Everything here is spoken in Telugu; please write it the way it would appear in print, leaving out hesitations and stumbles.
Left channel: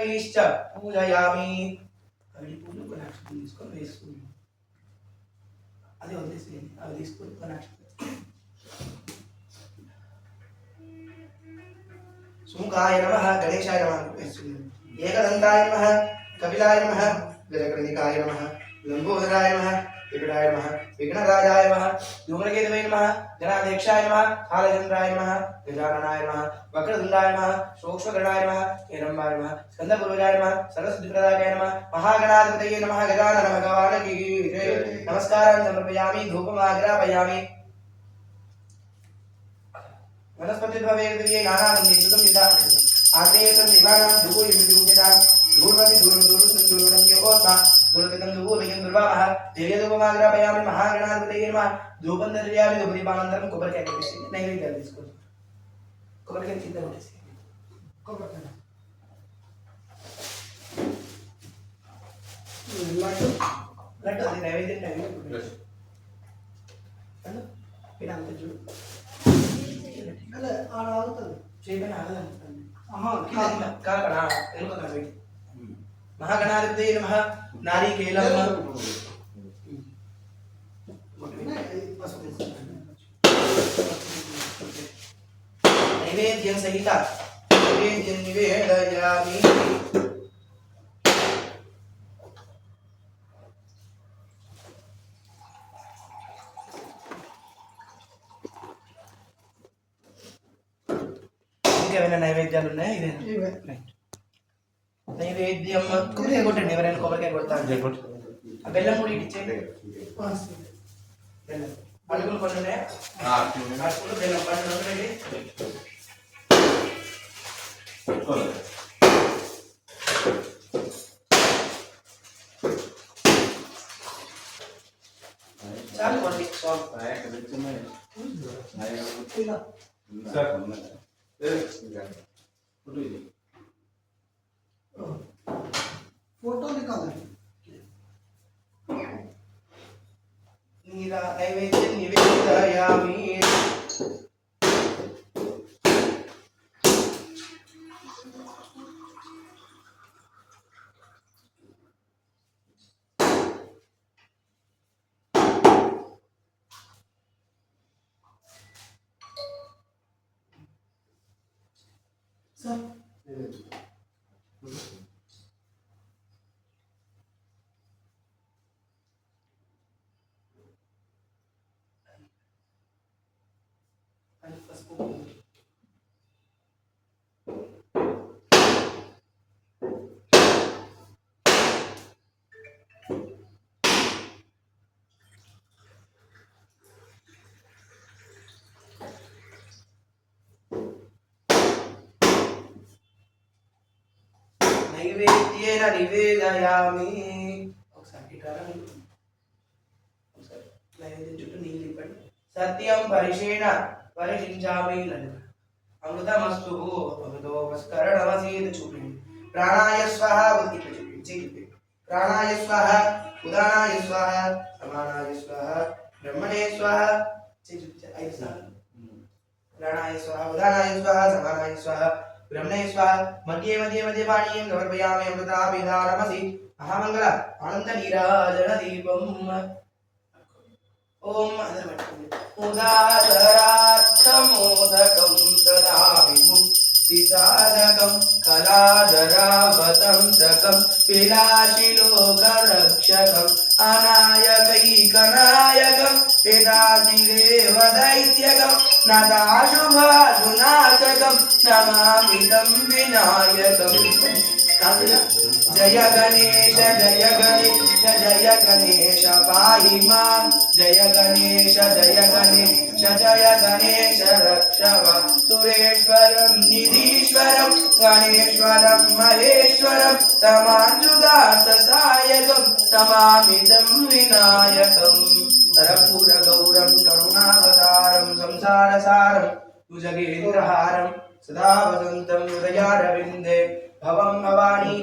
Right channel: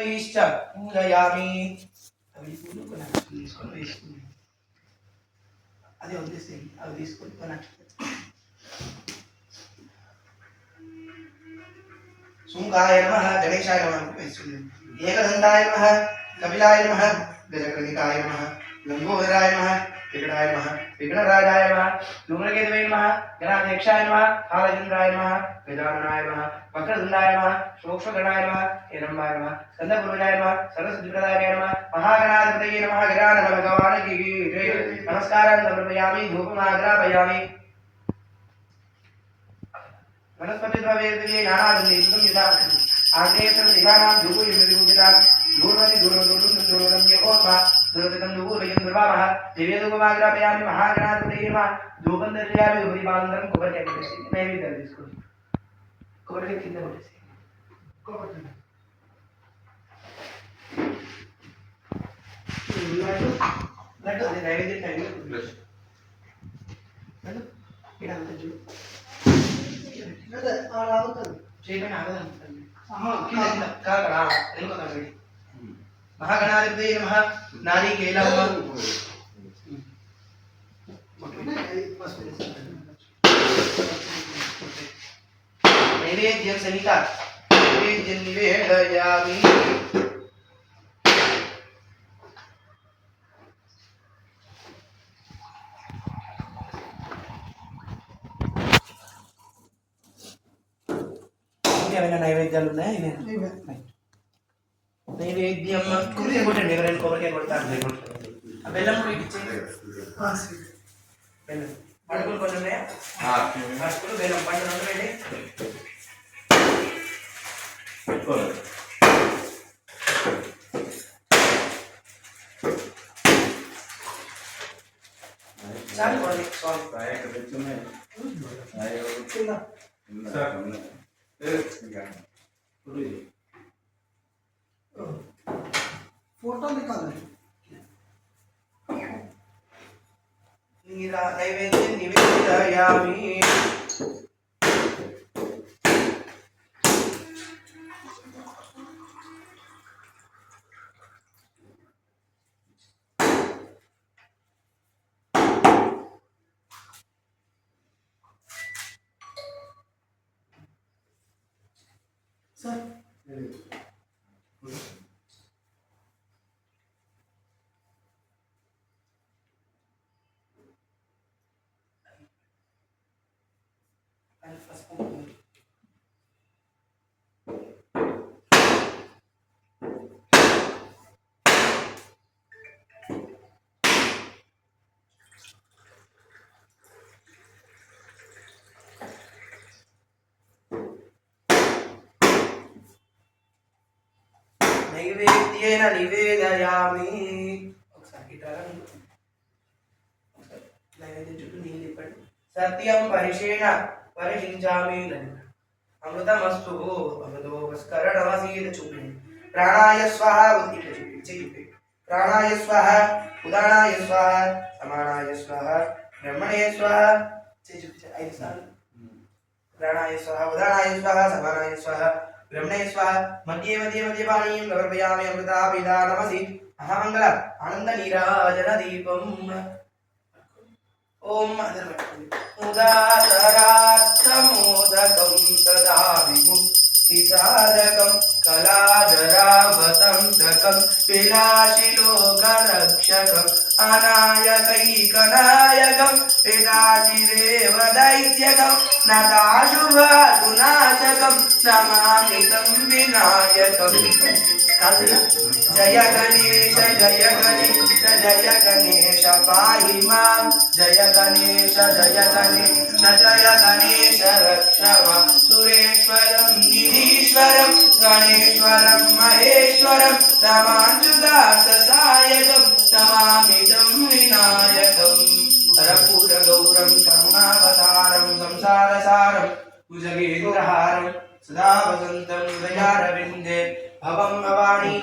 పుష్పైశ్చ పూజయామి. అవి పూలు కొనాలి తీసుకొని వేసుకుని అది వదిలేసేయండి. అవి తీసుకొని కొనాలి. శుంకాయ నమః గణేశాయ నమః వేసుకుని ఏకదంతాయ నమః కపిలాయ నమః గజకర్ణికాయ నమః లంబోదరాయ నమః వికటాయ నమః విఘ్నరాజాయ నమః ధూమ్రకేతవే నమః గణాధ్యక్షాయ నమః కాలచంద్రాయ నమః గజాననాయ నమః వక్రతుండాయ నమః సూక్ష్మగణాయ నమః హిరణ్మయాయ నమః స్కందపూర్వజాయ నమః సరస్వతిప్రదాయ నమః మహాగణాధిపతయే నమః గజానన భగవానికి జయ. నమస్కారాన్ని సమర్పయామి. ధూపమాగ్రాపయామి. वनस्पतिद्रव्ये नानादि सुगम युधा आग्नेयसर्व दिवानां धूपो यमृतुपिता धूर्मनि धूर्मं योगोत्मा दुर्गतं धूपयं दुर्वामः दिव्यधूपमाग्रापयामि. महागणाधिपतये नमः. धूपं दर्शयामि. धूपदीपानन्तरं कोबरिकाय कोटेసి నైవేద్యాలు తీసుకోండి. कोबरिकाय కింద కొట్టేసి కొబ్బరికాయ లడ్డు అది నైవేద్యం నైవేద్యం ఇదంతా చూడు महागणाधिपतये नमः. नारिकेलं नैवेद्यं सहिता नैवेद्यं निवेदयामि. ఏమైనా నైవేద్యాలు ఉన్నాయా? ఇదే నైవేద్యం కొబ్బరికాయ కొట్టండి. ఎవరైనా కొబ్బరికాయ కొడతారు. బెల్లం కూడా ఇచ్చేయండి. బెల్లం అడుగులు కొన్ని ఉన్నాయా? అడుగులు బెల్లం పండు రెండు చాలు కొన్ని फोटो निकाल नैवेद्य निवेदयामि. सर नैवेद्येन निवेदयामि. ఒకసారి ఇట్లా నైవేద్యం చుట్టూ నీళ్ళు తిప్పండి. సత్యం పరిషేణ పరిషించామి. అమృతమస్తు అమృతోపస్కరణమసీద చూపిండి. ప్రాణాయ స్వహ ఇట్లా చూపించి ప్రాణాయ స్వహ ఉదానాయ స్వహ సమానాయ స్వహ బ్రహ్మణే స్వహ చూపించి 5 సార్లు. ప్రాణాయ స్వహ ఉదానాయ స్వహ సమానాయ స్వహ ब्रह्मणे स्वाहा. मध्ये मध्ये मध्ये पानीयं समर्पयामि. अमृताभिधानमसि महामंगल आनंद नीराजन दीपम्. ओम मुदादरार्थमोदकं सदा विमुक्तिसाधकं कलाधरावतं सकं विलाशिलोकरक्षकं अनायकैकनायकं वेदाचिदेव दैत्यकं नताशुभाशुनाशकं नमामि तं विनायकं. जय गणेश जय गणेश जय गणेश पाहि मां. जय गणेश जय गणेश जय गणेश रक्ष मां. सुरेश्वरं निधीश्वरं गणेश्वरं महेश्वरं तमाञ्जुदाससायकं तमामिदं विनायकं. कर्पूरगौरं करुणावतारं संसारसारं भुजगेन्द्रहारं सदा वसन्तं हृदयारविन्दे भवं भवानी